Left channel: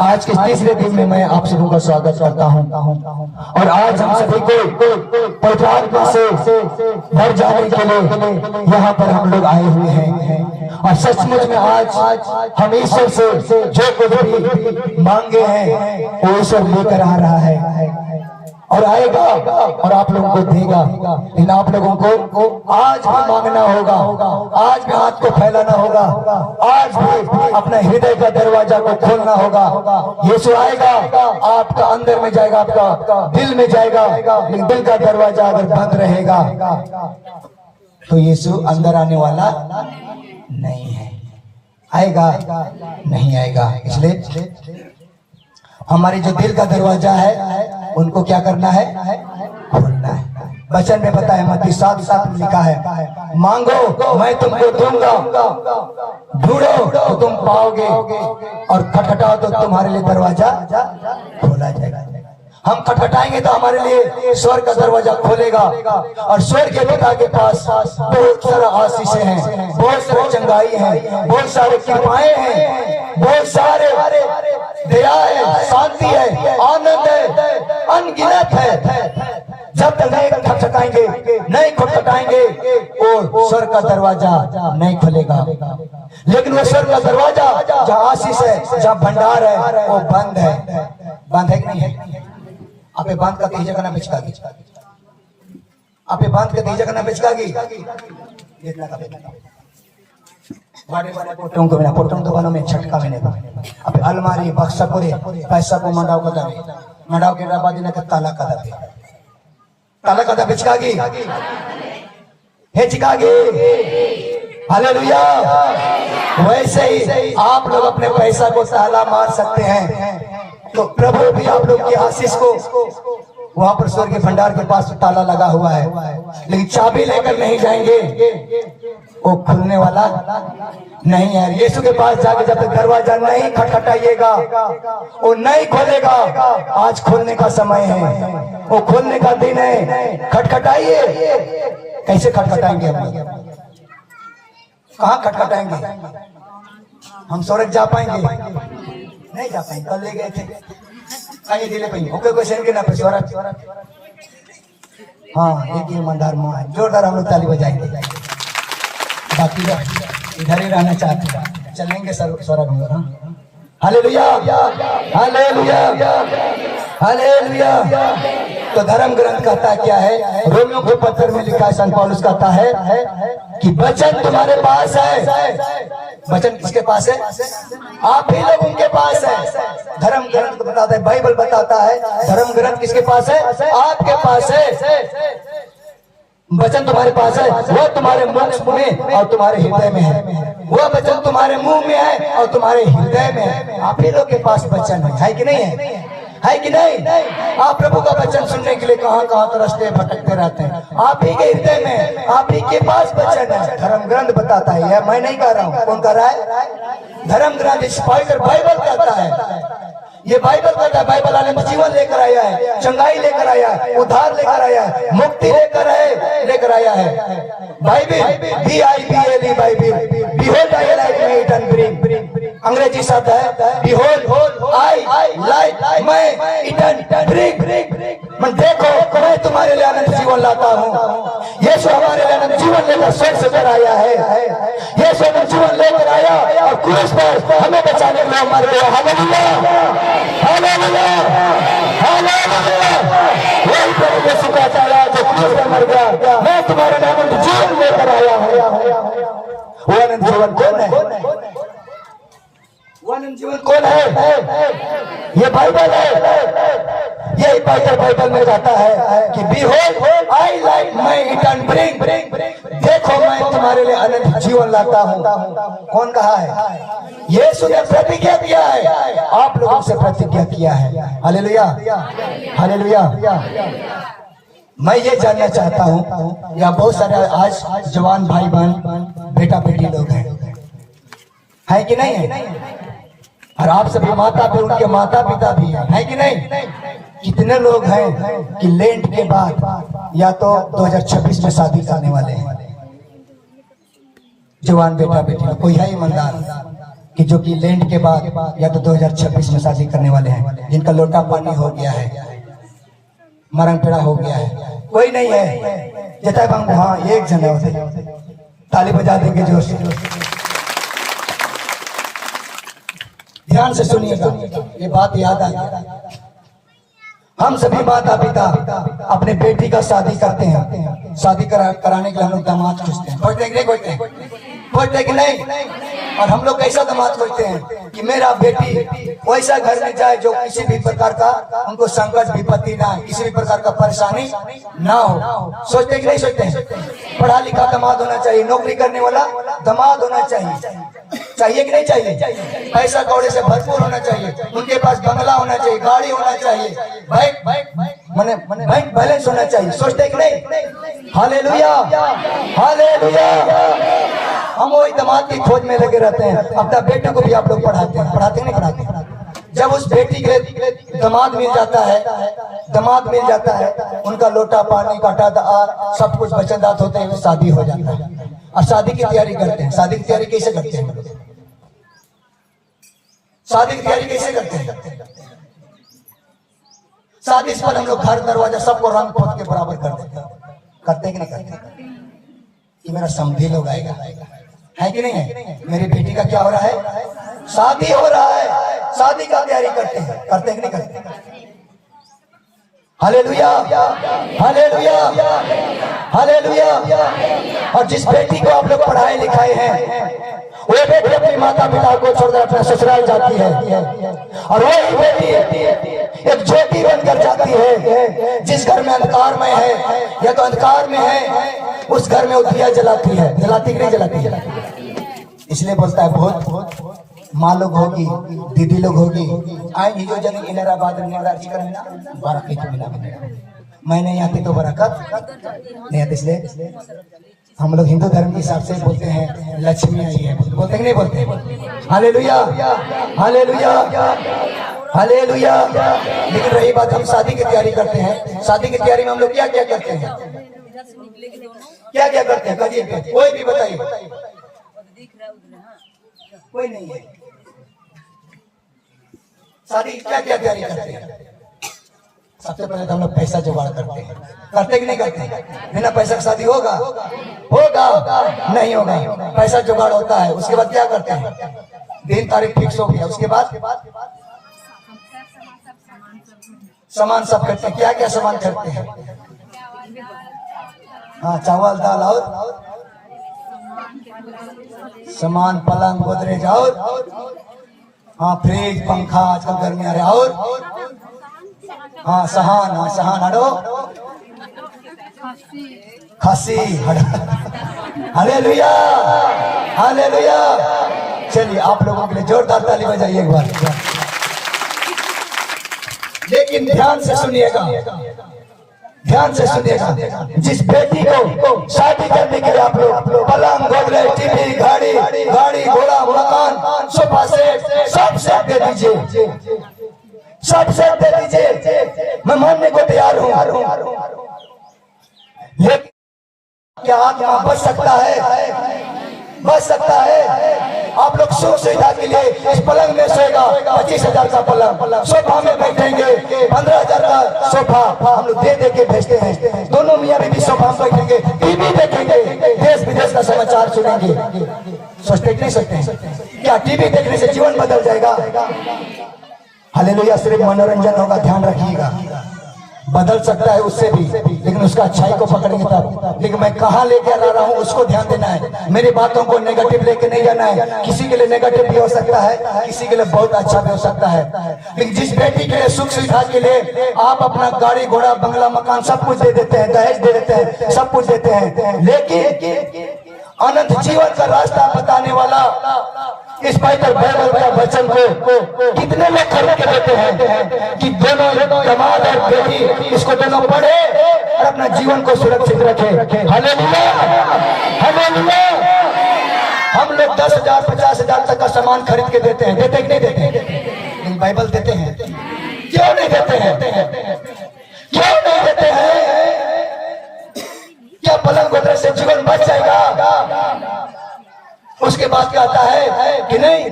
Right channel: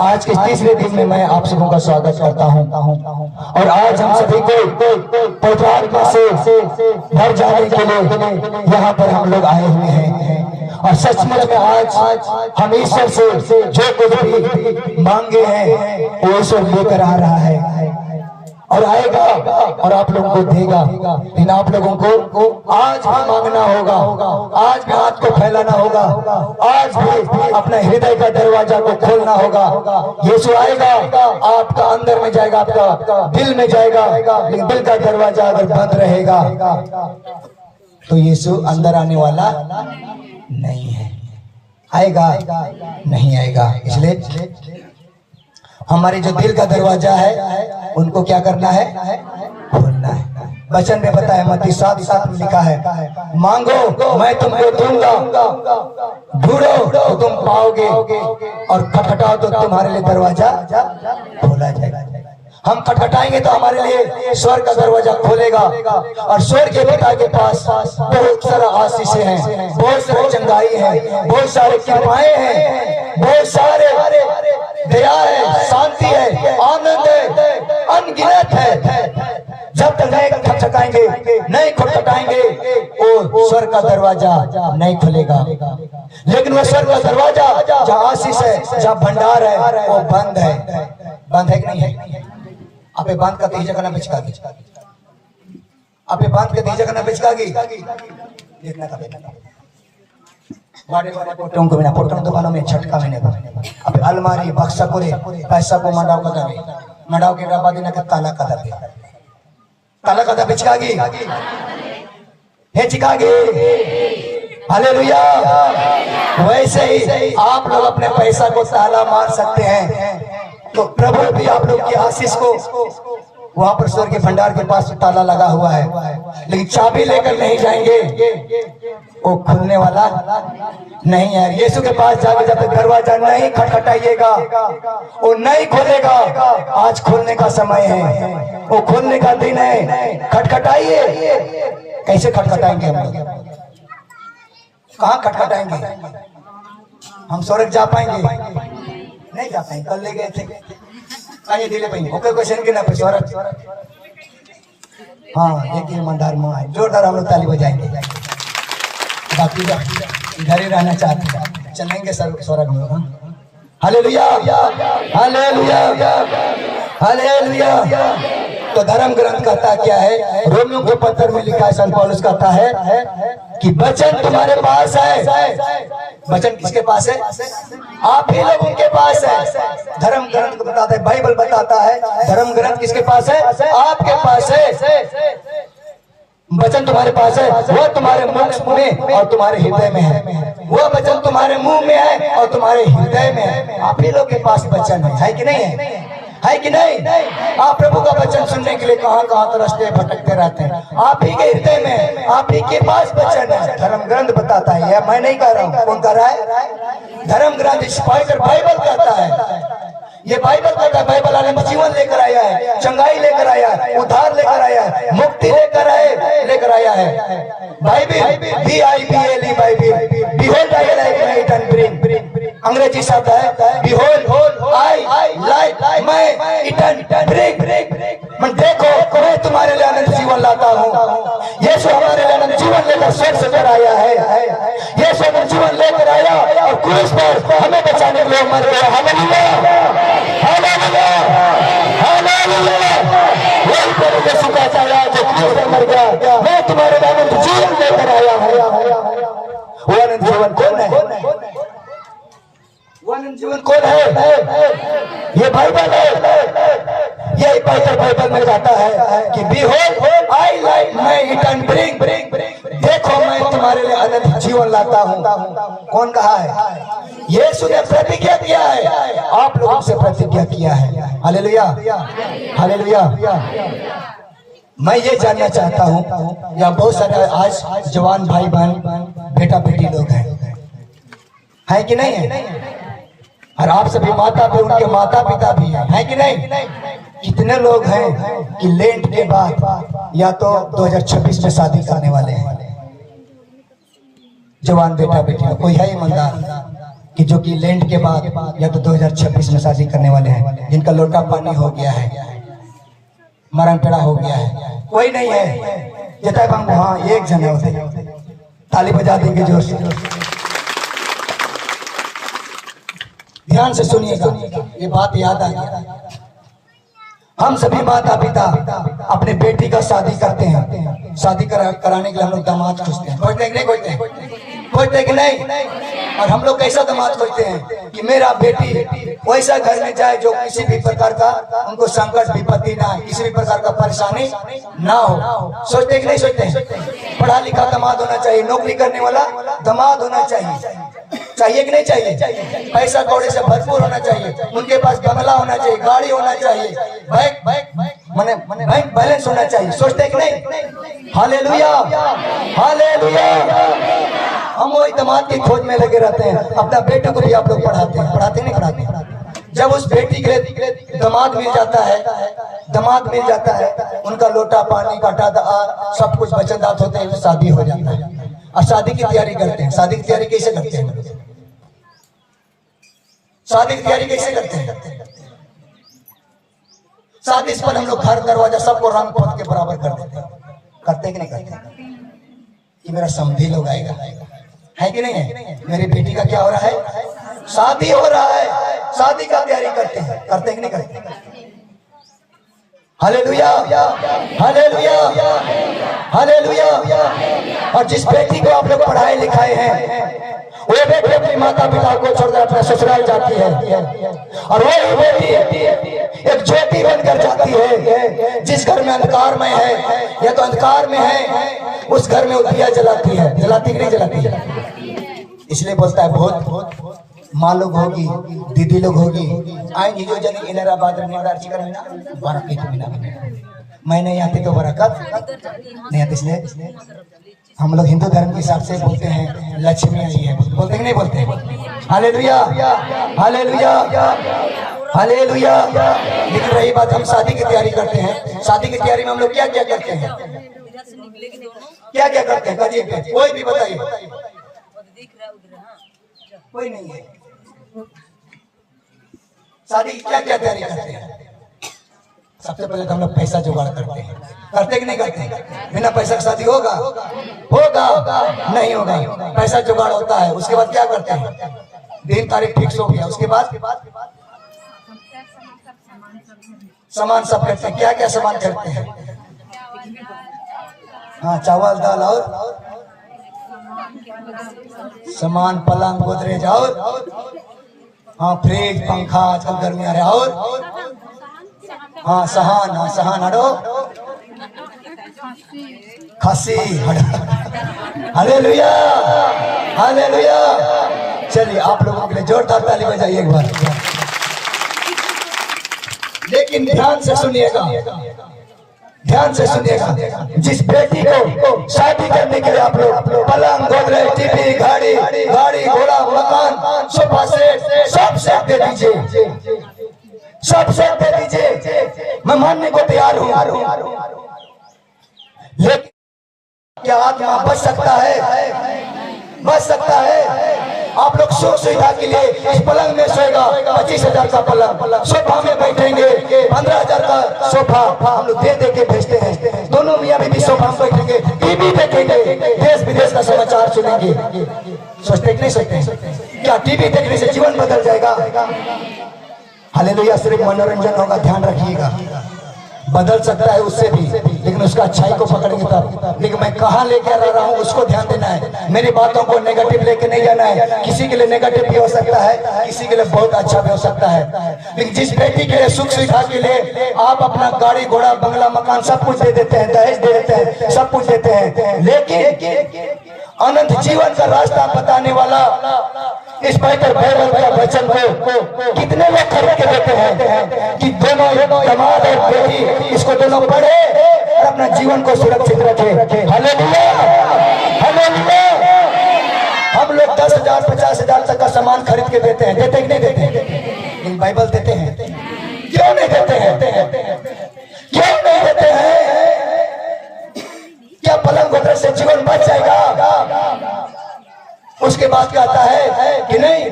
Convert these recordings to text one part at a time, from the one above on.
आज के तीसरे दिन में मैं आप सबों का स्वागत करता हूं और आज हम सभी को पौत्रात्मा से भर जाने के लिए यहाँ पर हम लोग आए हुए हैं और सचमुच में आज हम ईश्वर से जो कुछ भी मांगे हैं वो ईश्वर लेकर आ रहा है और आएगा और आप लोगों को देगा। लेकिन आप लोगों को आज भी मांगना होगा, आज भी हाथ को फैलाना होगा, आज भी अपने हृदय का दरवाजा को खोलना होगा। यीशु आएगा, आपका अंदर में जाएगा, आपका दिल में जाएगा, लेकिन दिल का दरवाजा अगर बंद रहेगा तो यीशु अंदर आने वाला नहीं है। आएगा नहीं आएगा। इसलिए हमारे जो दिल का दरवाजा है उनको क्या करना है? खोलना है। वचन में पता है, मत्ती 7:7 में लिखा है, मांगो मैं तुमको दूंगा, ढूंढो तो तुम पाओगे और खटखटाओ तो तुम्हारे लिए दरवाजा खोला जाएगा। हम खटखटाएंगे तो हमारे लिए स्वर्ग का दरवाजा खोलेगा और स्वर्ग के पिता के पास बहुत सारा आशीषें हैं, बहुत सारे चंगाई है, बहुत सारे कृपाएं हैं, बहुत सारे दया है, शांति है, आनंद है, अनगिनत है। जब तक नहीं खटखटाएंगे, नहीं खटखटाएंगे वो स्वर्ग का दरवाजा नहीं खुलेगा। लेकिन वो स्वर्ग का दरवाजा जहाँ आशीष है, जहाँ भंडार है, वो बंद है। बंद है कि नहीं है? आपे बांध का तेज करना बिचका दी, आपे बांध का तेज करना बिचका दी। देखना का देखना वाडे वाडे पोटम को बिना पोटम दुकानों में छटका मैंने अबे अलमारी बक्सा पूरे पैसा को मंडाव का दबे मंडाव के बाद इनका ताला का दबे बिचका गी हे चिका गे। हालेलुया। वैसे ही आप लोग अपने पैसा को ताला मार सकते हैं तो प्रभु भी आप लोग की आशीष को, वहां पर स्वर्ग के भंडार के पास ताला लगा हुआ है, लेकिन चाबी लेकर नहीं जाएंगे, वो खुलने वाला नहीं है। यीशु के पास जाके जब तक दरवाजा नहीं खटखटाइएगा वो नहीं खोलेगा। आज खोलने का समय है, वो खोलने का दिन है। खटखटाइए। कैसे खटखटाएंगे? हम कहाँ खटखटाएंगे? हम स्वर्ग जा पाएंगे? नहीं जा पाएंगे। कल ले गए थे आइए दिले पाएंगे ओके क्वेश्चन के ना स्वर्ग। हाँ, एक ईमानदार माँ है, जोरदार हम लोग ताली बजाएंगे। बाकी इधर ही रहना चाहते हैं, चलेंगे स्वर्ग में। Hallelujah, hallelujah, hallelujah. तो धर्म ग्रंथ कहता है क्या है? रोमियो के पत्र में लिखा है, संत पौलुस कहता है कि वचन तुम्हारे पास है। वचन किसके पास है? आप ही लोगों के पास है। धर्म ग्रंथ को बताता है, बाइबल बताता है, धर्म ग्रंथ किसके पास है? आपके पास है। वचन तुम्हारे पास है, वो तुम्हारे मुख में और तुम्हारे हृदय में है। वो वचन तुम्हारे मुंह में है और तुम्हारे हृदय में है। आप ही लोग के पास वचन है कि नहीं है? है कि नहीं? आप प्रभु का वचन सुनने के लिए कहाँ कहाँ तो रास्ते भटकते रहते हैं। आप ही के हृदय में, आप ही के पास वचन है। धर्म ग्रंथ बताता है, यह मैं नहीं कह रहा हूँ। कौन कह रहा है? धर्म ग्रंथ स्पष्ट बाइबल कहता है। ये बाइबल कहता है, बाइबल आने में जीवन लेकर आया है, चंगाई लेकर आया है, उद्धार लेकर आया है, मुक्ति लेकर आया है। Bible BIBLE Bible, behold I like and bring। अंग्रेजी शब्द है behold I like मैं इटन ब्रिंग। मैं देखो मैं तुम्हारे लिए अनंत जीवन लाता हूँ। यीशु हमारे लिए अनंत जीवन लेकर स्वर्ग से आया है। यीशु अनंत जीवन लेकर आया और क्रूस पर हमें बचाने के लिए मर गया। Hallelujah, hallelujah, hallelujah. वही प्रभु यीशु कहता है जो क्रूस पर मर गया, मैं तुम्हारे लिए अनंत जीवन लेकर आया हूँ। वो अनंत जीवन कौन है? वो अनंत जीवन कौन है? ये बाइबल है। यही बाइबल में कहता है कि behold I like मैं इटर्न ब्रिंग। देखो मैं तुम्हारे लिए अनंत जीवन लाता हूँ। कौन कहा है? यीशु ने प्रतिज्ञा किया है, आप लोगों से प्रतिज्ञा किया है। Hallelujah, hallelujah. मैं ये जानना चाहता हूँ, यहाँ बहुत सारे आज जवान भाई बहन बेटा बेटी लोग हैं, है कि नहीं है? और आप सभी माता भी, उनके माता पिता भी हैं, कि नहीं? कितने लोग हैं कि लेंट के बाद या तो 2026 में शादी करने वाले हैं? जवान बेटा बेटी कोई है ईमानदार? कि जो कि लैंड के बाद या तो 2026 में शादी करने वाले हैं, जिनका लोटा पानी हो गया है, मरण पेड़ा हो गया है, कोई नहीं है जता बंद। हाँ एक जन होते, ताली बजा देंगे जोश। ध्यान से सुनिएगा, ये बात याद आ गया। हम सभी माता पिता अपने बेटी का शादी करते हैं, शादी कराने के लिए हम लोग दामाद खोजते हैं, खोजते नहीं खोजते कि नहीं। और हम लोग कैसा दामाद खोजते हैं कि मेरा बेटी वैसा घर में जाए जो किसी भी प्रकार का उनको संकट विपत्ति ना, किसी भी प्रकार का परेशानी ना हो। सोचते कि नहीं सोचते? पढ़ा लिखा दामाद होना चाहिए, नौकरी करने वाला दामाद होना चाहिए, चाहिए कि नहीं चाहिए? पैसा कौड़े से भरपूर होना चाहिए, उनके पास बंगला होना चाहिए, गाड़ी होना चाहिए, बैंक बैलेंस होना चाहिए। सोचते कि नहीं? Hallelujah hallelujah. हम वही दामाद की खोज में लगे रहते हैं। अपना बेटे को भी आप लोग पढ़ाते हैं, पढ़ाते नहीं पढ़ाते? जब उस बेटी के दामाद मिल जाता है, उनका लोटा पानी काटा सब कुछ वचनदात होते हैं, शादी हो जाता है। और शादी की तैयारी करते हैं। शादी की तैयारी कैसे करते हैं? शादी की तैयारी कैसे करते हैं? शादी पर हम लोग घर दरवाजा सबको रंग पोत के बराबर कर देते हैं। करते कि नहीं करते? कि मेरा समधी लोग आएगा, है कि नहीं है? मेरी बेटी का क्या हो रहा है? शादी हो रहा है, शादी का तैयारी करते हैं, करते कि नहीं करते? Hallelujah hallelujah hallelujah. और जिस बेटी को आप लोग पढ़ाए लिखाए हैं, वो बेटी अपनी माता पिता को छोड़कर अपने ससुराल जाती है, और वही बेटी एक ज्योति बनकर जाती है। जिस घर में अंधकार में है या तो अंधकार में है, उस घर में वो दिया जलाती है। जलाती कि नहीं जलाती? इसलिए बोलता है बहुत माँ लोग होगी, दीदी लोग होगी, आएंगी जो जन इनराबाद बरकत मैं नहीं आती तो बरकत नहीं आती। इसलिए हम लोग हिंदू धर्म के हिसाब से बोलते हैं लक्ष्मी आई है, बोलते नहीं बोलते? Hallelujah hallelujah hallelujah. लेकिन रही बात, हम शादी की तैयारी करते हैं। शादी की तैयारी में हम लोग क्या क्या करते हैं? क्या क्या करते हैं? कहिए, कोई भी बताइए। कोई नहीं है। शादी की क्या क्या तैयारी करते हैं? सबसे पहले तो हम लोग पैसा जुगाड़ करते हैं। करते कि नहीं करते? बिना पैसा की शादी होगा? नहीं होगा। पैसा जुगाड़ होता है। उसके बाद क्या करते हैं? दिन तारीख फिक्स हो गया, उसके बाद सामान सब करते हैं। क्या क्या सामान करते हैं? हाँ, चावल दाल और सामान, पलंग गोदरेज और हाँ फ्रिज पंखा, आजकल गर्मी आ रहा है, और हाँ सहान हटो, खस्सी हालेलुया हालेलुया। चलिए आप लोगों के लिए जोरदार ताली बजाइए एक बार। लेकिन ध्यान से सुनिएगा, जिस बेटी को शादी करने के लिए आप लोग पलंग गोदरेज टीवी गाड़ी घोड़ा मकान सोफा सेट सब सेट दे दीजिए, सब सेट दे दीजिए, मैं मानने को तैयार हूँ। लेकिन क्या आत्मा बच सकता है? आप लोग सुख सुविधा के लिए इस पलंग में सोएगा, 25,000 का पलंग, सोफा में बैठेंगे, 15,000 का सोफा हम लोग दे के भेजते हैं। दोनों मियाँ बीवी सोफा में बैठेंगे, टीवी देखेंगे, देश विदेश का समाचार सुनेंगे। सोचते कि नहीं सोचते? क्या टीवी देखने से जीवन बदल जाएगा? हालेलुया। सिर्फ मनोरंजन होगा, ध्यान रखिएगा। बदल सकता है उससे भी, लेकिन उसका अच्छाई को पकड़ेंगे तब। लेकिन मैं कहाँ लेके आ रहा हूँ उसको ध्यान देना है। मेरी बातों को नेगेटिव लेके नहीं जाना है। किसी के लिए नेगेटिव भी हो सकता है, किसी के लिए बहुत अच्छा भी हो सकता है। लेकिन जिस बेटी के लिए सुख सुविधा के लिए आप अपना गाड़ी घोड़ा बंगला मकान सब कुछ दे देते हैं, दहेज दे देते हैं, सब कुछ देते हैं, लेकिन अनंत जीवन का रास्ता बताने वाला इस बाइबल का वचन को कितने लोग खरीद के देते हैं कि दोनों दामाद और बेटी इसको दोनों पढ़े और अपना जीवन को सुरक्षित रखे। Hallelujah hallelujah. हम लोग 10,000 50,000 तक का सामान खरीद के देते हैं, देते कि नहीं देते? बाइबल देते हैं। क्यों नहीं देते हैं? क्यों नहीं देते हैं? क्या पलंग गोदरेज से जीवन बच जाएगा? उसके बाद क्या आता है कि नहीं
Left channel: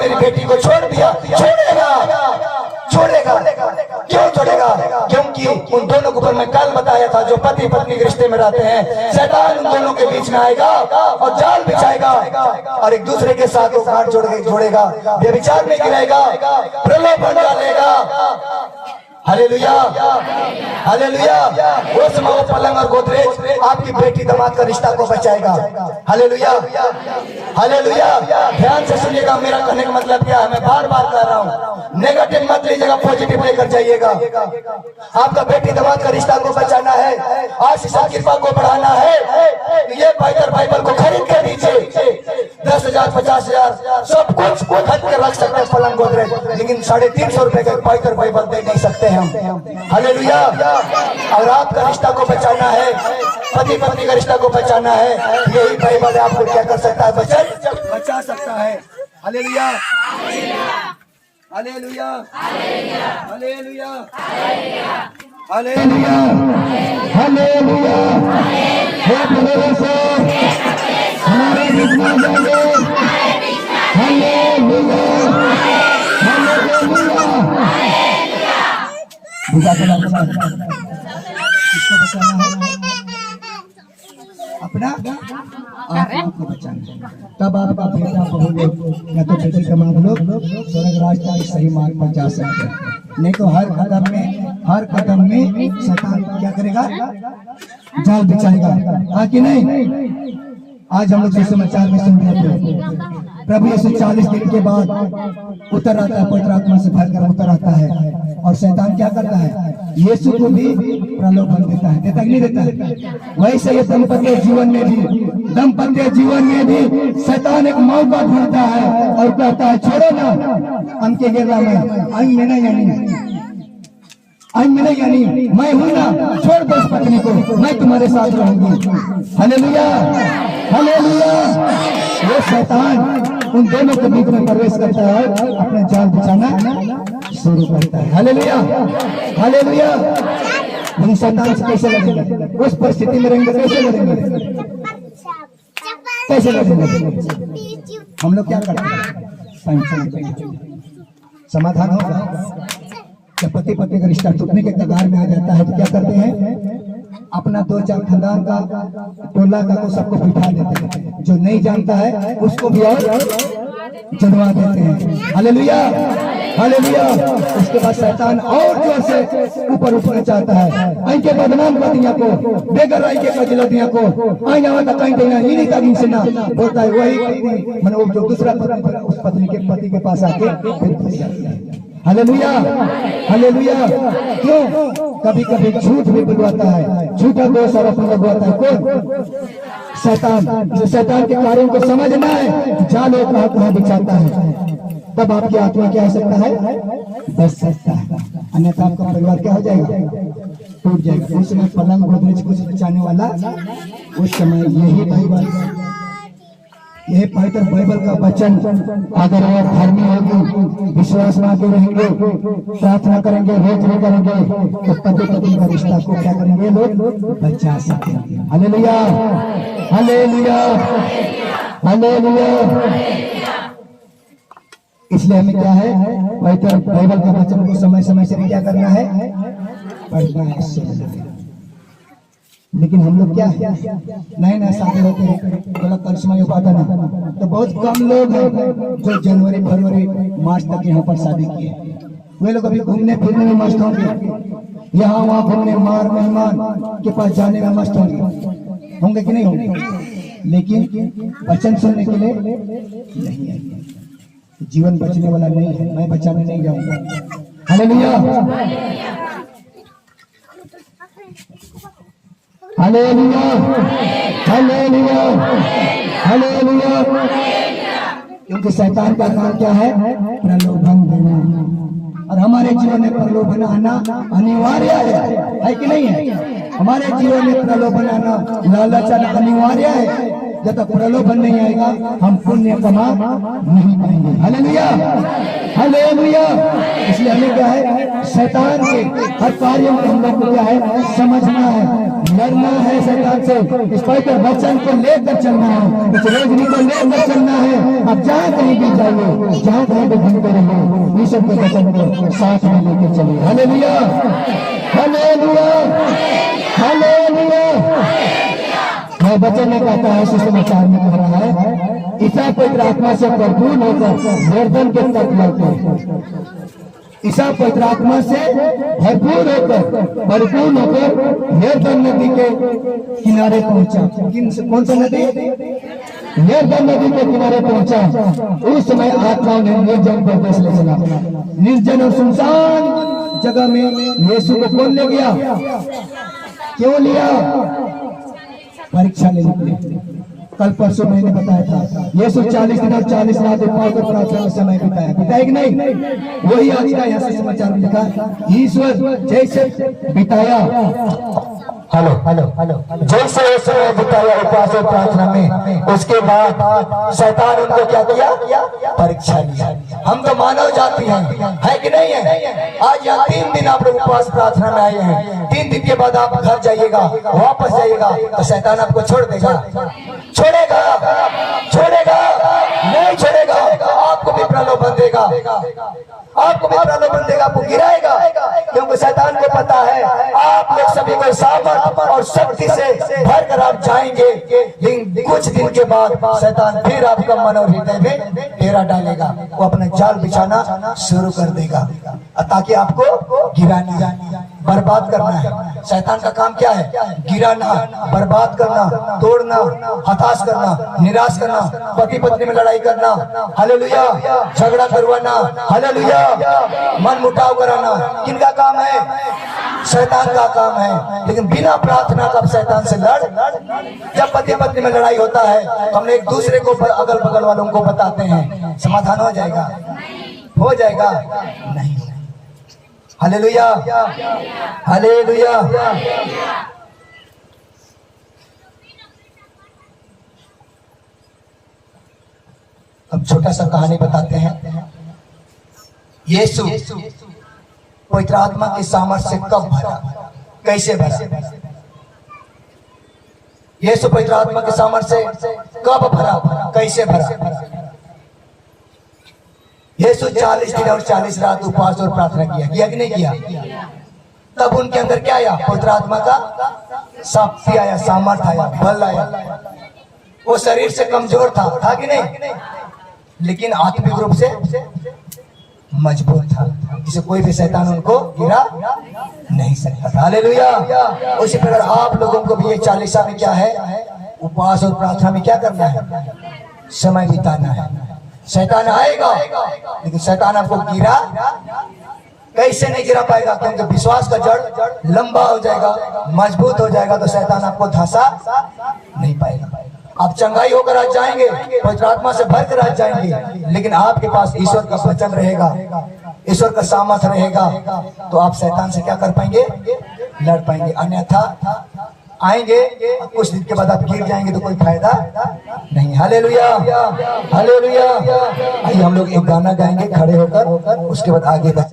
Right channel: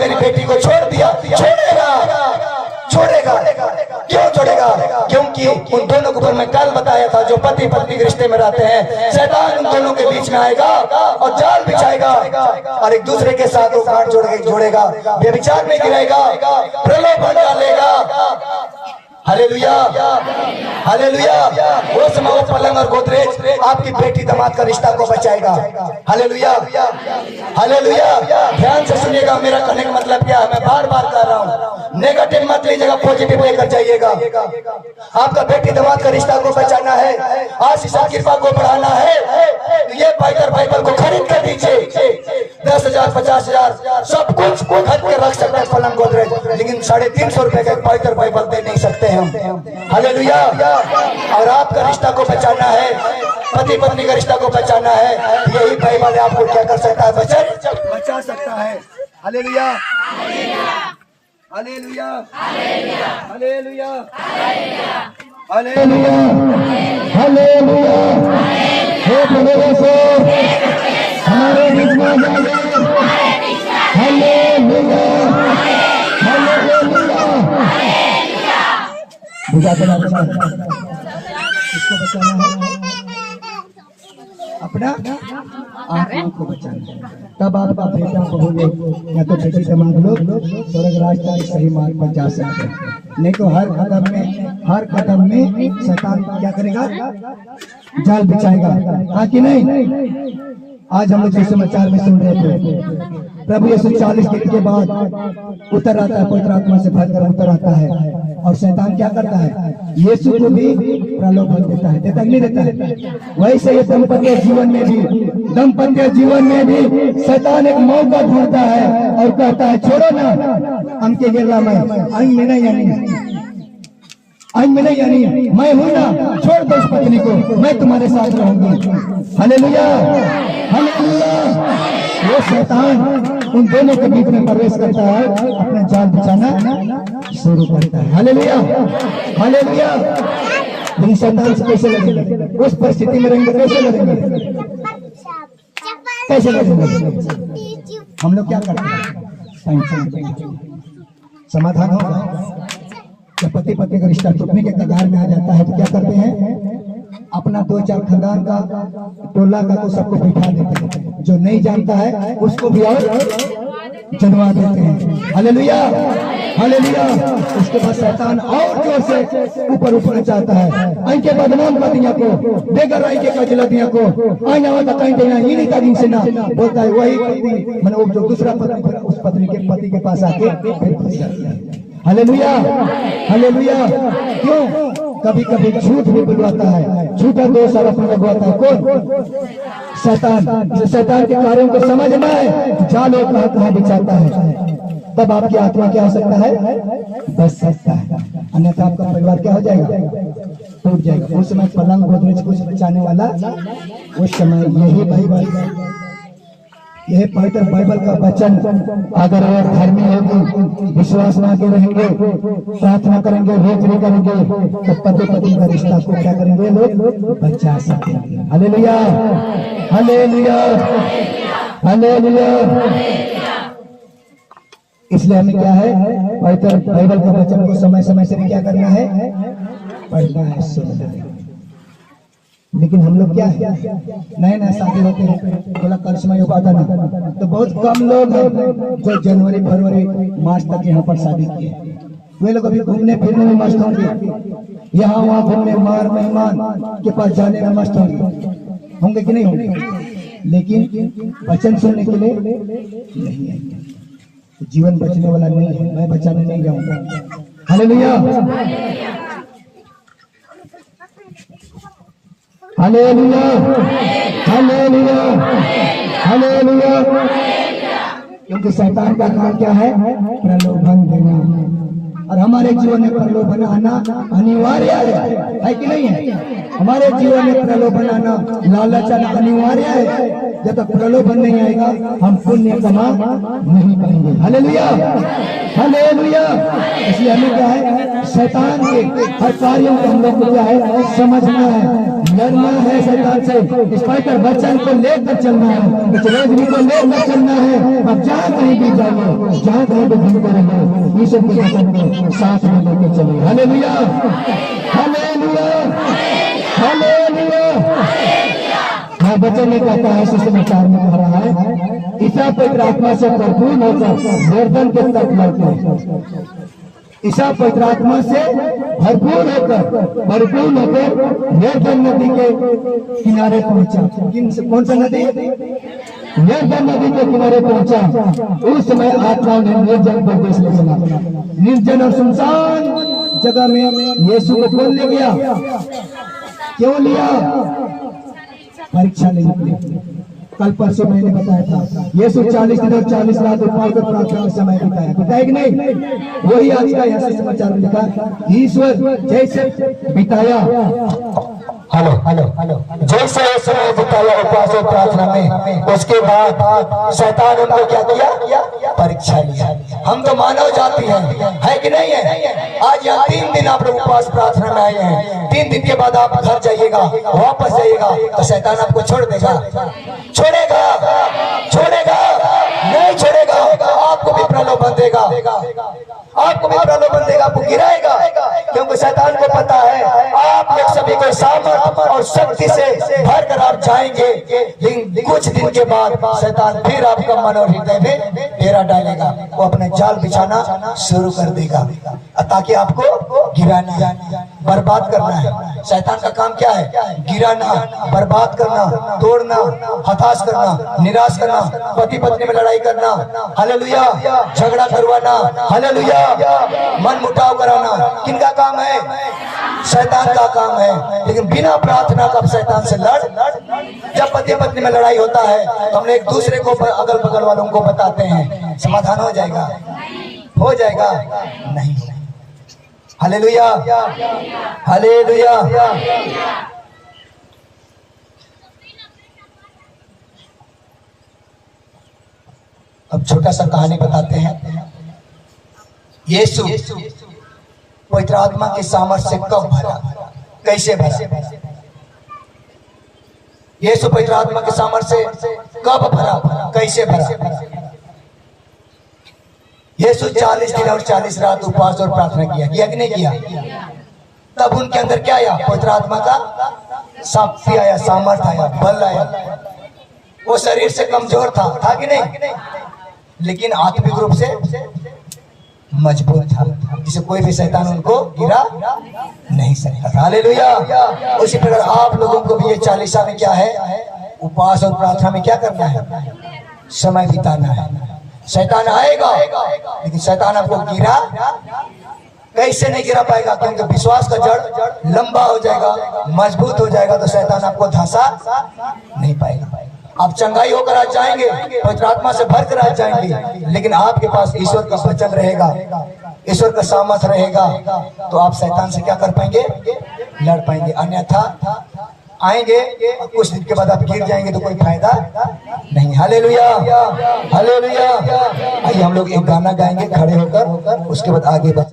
मेरी बेटी को छोड़ दिया, छोड़ेगा क्यों छोड़ेगा? क्योंकि उन दोनों को मैं कल बताया था, जो पति पत्नी के रिश्ते में रहते हैं, शैतान उन दोनों के बीच में आएगा और जाल बिछाएगा और एक दूसरे के साथ वो गांठ जोड़ेगा, व्यभिचार में गिराएगा, प्रलोभन डालेगा। Hallelujah, hallelujah. वो समय वो पलंग और गोदरेज आपकी बेटी दामाद का रिश्ता को बचाएगा। Hallelujah, hallelujah. ध्यान से सुनिएगा, मेरा कहने का मतलब क्या है, मैं बार बार कह रहा हूँ, नेगेटिव मत लीजिएगा, पॉजिटिव लेकर जाइएगा। आपका बेटी दामाद का रिश्ता को बचाना है, आशीष कृपा को बढ़ाना है, तो ये पवित्र बाइबल को खरीद कर दीजिए। 10,000 50,000 सब कुछ खरीद के रख सकते हैं पलंग गोदरेज, लेकिन 350 रुपए का पवित्र बाइबल दे नहीं सकते हम। हालेलुया। और आपका रिश्ता को बचाना है, पति पत्नी का रिश्ता को बचाना है, यही बाइबल आपको क्या कर सकता है, बचा सकता है। Hallelujah, hallelujah, hallelujah, hallelujah, hallelujah. हे परमेश्वर, हमारे बीच में जाओ। Hallelujah, hallelujah. बुझा तो किसको बचाना है? अपना आत्मा को बचाना है। तब आपका बेटा बहू लोग या तो बेटी दामाद लोग स्वर्ग राज का सही मार्ग पर जा सकते हैं। नहीं तो हर कदम में शैतान क्या करेगा, जाल बिछाएगा। हाँ कि नहीं? आज हम लोग सुसमाचार में सुन रहे थे, प्रभु यीशु 40 दिन के बाद उतर आता है, पवित्र आत्मा से भरकर उतर आता है, और शैतान क्या करता है, यीशु को भी प्रलोभन देता है, देता नहीं देता है? वैसे ये दाम्पत्य जीवन में भी शैतान एक मौका ढूंढता है और कहता है, छोड़ो ना, हमके गिरना मैं अंग में नहीं, यानी मैं हूं ना, छोड़ दो उस पत्नी को, मैं तुम्हारे साथ रहूंगी। Hallelujah, hallelujah. वो शैतान उन दोनों के बीच में प्रवेश करता है, अपना जाल बिछाना शुरू करता है। Hallelujah, hallelujah. लेकिन शैतान से कैसे लड़ेंगे? उस परिस्थिति में रहेंगे, कैसे लड़ेंगे? कैसे लड़ेंगे? हम लोग क्या करते हैं? समाधान होगा। जब पति पत्नी का रिश्ता टूटने के कगार में आ जाता है तो क्या करते हैं, अपना 2-4 खानदान का, टोला का, तो सबको बिठा देते हैं, जो नहीं जानता है उसको भी और जनवा देते हैं। Hallelujah, hallelujah. उसके बाद शैतान और जोर से ऊपर उठना चाहता है, इनके बदनाम पतियां को, बेगर के कजलतियां को आई जावा कहीं देना ही नहीं था, जिनसे ना बोलता है वही पत्नी, मतलब वो जो दूसरा पत्नी उस पत्नी के पति के पास आके फिर फंस जाती है। Hallelujah, hallelujah. क्यों? कभी कभी झूठ भी बुलवाता है, झूठा दोष आरोप लगवाता है। कौन? शैतान। शैतान के कार्यों को समझना है, जालो कहाँ बिछाता है, तब आपकी आत्मा क्या हो सकता है, बच सकता है, अन्यथा आपका परिवार क्या हो जाएगा, टूट जाएगा। उस समय पलंग गोदरेज कुछ बचाने वाला, उस समय यही बाइबल, यह पवित्र बाइबल का वचन अगर आप धर्मी होंगे, विश्वास में आगे रहेंगे, प्रार्थना करेंगे, रोज नहीं करेंगे, तो पति पत्नी का रिश्ता को क्या करेंगे, लोग बचा सकेंगे। Hallelujah, hallelujah, hallelujah. इसलिए हमें क्या है, पवित्र बाइबल का वचन को समय समय से क्या करना है, पढ़ना है, सुनना है। लेकिन हम लोग क्या है, नए नए शादी होते हैं, थोड़ा करिश्मा हो पाता ना, तो बहुत कम लोग हैं जो जनवरी फरवरी मार्च तक यहाँ पर शादी किए। वे लोग अभी घूमने फिरने में मस्त होंगे, यहाँ वहाँ घूमने, मार मेहमान के पास जाने में मस्त होंगे कि नहीं होंगे, लेकिन वचन सुनने के लिए नहीं आएंगे। जीवन बचने वाला नहीं है, मैं बचाने नहीं जाऊंगा। Hallelujah, hallelujah, hallelujah, hallelujah. क्योंकि शैतान का काम क्या है, प्रलोभन देना। और हमारे जीवन में प्रलोभन आना अनिवार्य है कि नहीं है? हमारे जीवन में प्रलोभन आना, लालच आना अनिवार्य है। जब तक प्रलोभन नहीं आएगा हम पुण्य कमा नहीं पाएंगे। Hallelujah, hallelujah. इसलिए हमें क्या है, शैतान के हर कार्यों को हम लोग को क्या है, समझना है, लड़ना है शैतान से। इस पर वचन को लेकर चलना है, इस रोशनी को लेकर चलना है। अब जहाँ कहीं भी जाइए, जहाँ कहीं भी घूमते रहिए, ईश्वर के वचन को साथ में लेकर चलिए। Hallelujah, hallelujah, hallelujah. मैं वचन में कहता है, सुसमाचार में कह रहा है, ईसा पवित्र आत्मा से भरपूर होकर गर्दन के तक बढ़ते। ईसा पवित्र आत्मा से भरपूर होकर यरदन नदी के किनारे पहुंचा। कौन सा नदी? यरदन नदी के किनारे पहुंचा। उस समय आत्मा ने निर्जन प्रदेश ले चला। निर्जन और सुनसान जगह में यीशु को कौन ले गया? क्यों लिया? परीक्षा लेने के लिए। कल परसों मैंने बताया था, यीशु 40 दिन और 40 रात उपवास और प्रार्थना में समय बिताया कि नहीं? वही आज का यहाँ से समाचार में लिखा, ईश्वर जैसे बिताया, हेलो हेलो हेलो, जैसे वो समय बिताया उपवास और प्रार्थना में, उसके बाद शैतान उनको क्या किया? परीक्षा लिया। हम तो मानव जाति है कि नहीं है? आज यहाँ 3 दिन आप लोग उपवास प्रार्थना में आए हैं। 3 दिन के बाद आप घर जाइएगा, वापस जाइएगा, तो शैतान आपको छोड़ देगा? छोड़ेगा? छोड़ेगा? नहीं छोड़ेगा। आपको भी प्रलोभन देगा, आपको भी प्रलोभन देगा, आपको गिराएगा, क्योंकि शैतान को पता है आप लोग सभी को सामर्थ और शक्ति से भर कर आप जाएंगे। लेकिन कुछ दिन के बाद शैतान फिर आपका मन और हृदय में डेरा डालेगा, वो अपने जाल बिछाना शुरू कर देगा, ताकि आपको गिराना, बर्बाद करना है। शैतान का काम क्या है? गिराना, बर्बाद करना, तोड़ना, हताश करना, निराश करना, पति पत्नी में लड़ाई करना, हालेलुया, झगड़ा करवाना, हालेलुया, मन मुटाव कराना। किनका काम है? शैतान का काम है। लेकिन बिना प्रार्थना का शैतान से लड़, जब पति पत्नी में लड़ाई होता है, हम एक दूसरे को अगल बगल वालों को बताते हैं, समाधान हो जाएगा? हो जाएगा? नहीं। Hallelujah, hallelujah. अब छोटा सा कहानी बताते हैं। यीशु पवित्र आत्मा के सामर्थ्य से कब भरा, कैसे भरा? यीशु पवित्र आत्मा के सामर्थ्य से कब भरा, कैसे भरा? यीशु 40 दिन और 40 रात उपवास और प्रार्थना किया कि नहीं किया? तब उनके अंदर क्या आया? पवित्र आत्मा का शक्ति आया, सामर्थ आया, बल आया। वो शरीर से कमजोर था कि नहीं? लेकिन आत्मिक रूप से मजबूत था, जिसे कोई भी शैतान उनको गिरा नहीं सकता। हालेलुया। उसी प्रकार आप लोगों को भी ये 40 में क्या है? उपवास और प्रार्थना में क्या करना है? समय बिताना है। शैतान आएगा, लेकिन शैतान आपको गिरा कैसे नहीं गिरा पाएगा? क्योंकि विश्वास का जड़ लंबा हो जाएगा, मजबूत हो जाएगा, तो शैतान आपको धंसा नहीं पाएगा। आप चंगाई होकर आज जाएंगे, पवित्र आत्मा से भरकर आज जाएंगे, लेकिन आपके पास ईश्वर का वचन रहेगा, ईश्वर का सामर्थ रहेगा, तो आप शैतान से क्या कर पाएंगे? लड़ पाएंगे। अन्यथा आएंगे, कुछ दिन के बाद आप गिर जाएंगे तो कोई फायदा नहीं। Hallelujah, hallelujah. आइए हम लोग एक गाना गाएंगे खड़े होकर, उसके बाद आगे बढ़